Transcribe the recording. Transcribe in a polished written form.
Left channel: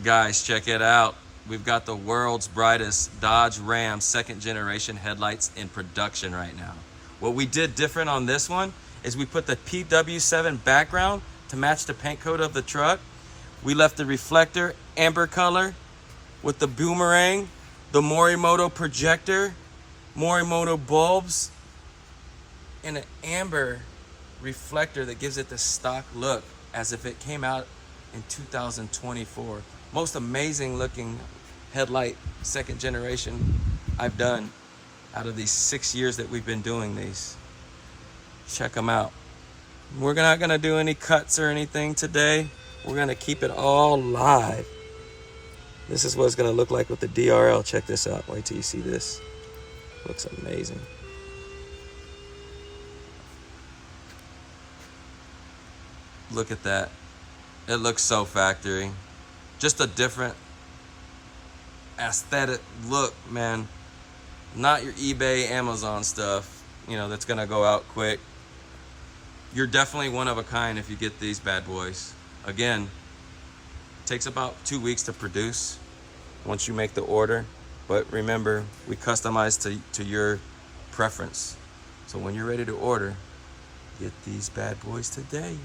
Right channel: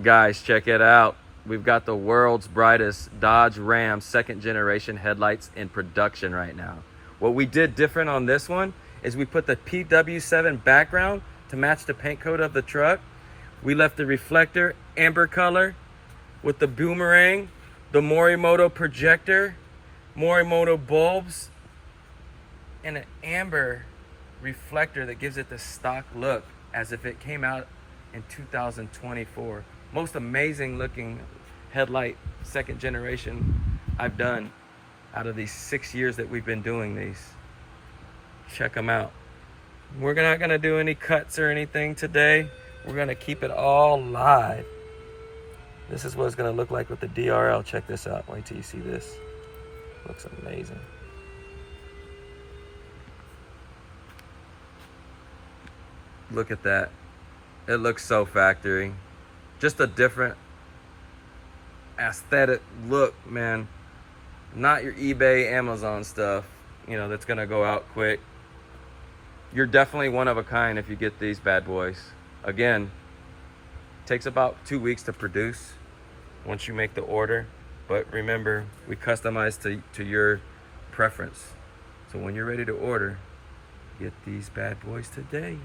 Guys, check it out. We've got the world's brightest Dodge Ram second generation headlights in production right now. What we did different on this one is we put the PW7 background to match the paint coat of the truck. We left the reflector amber color with the boomerang, the Morimoto projector, Morimoto bulbs, and an amber reflector that gives it the stock look as if it came out in 2024. Most amazing looking headlight second generation I've done out of these 6 years that we've been doing these. Check them out. We're not gonna do any cuts or anything today. We're gonna keep it all live. This is what it's gonna look like with the DRL. Check this out. Wait till you see this. Looks amazing. Look at that. It looks so factory. Just a different aesthetic look, man. Not your eBay, Amazon stuff, you know, that's gonna go out quick. You're definitely one of a kind if you get these bad boys. Again, it takes about 2 weeks to produce once you make the order. But remember, we customize to your preference. So when you're ready to order, get these bad boys today.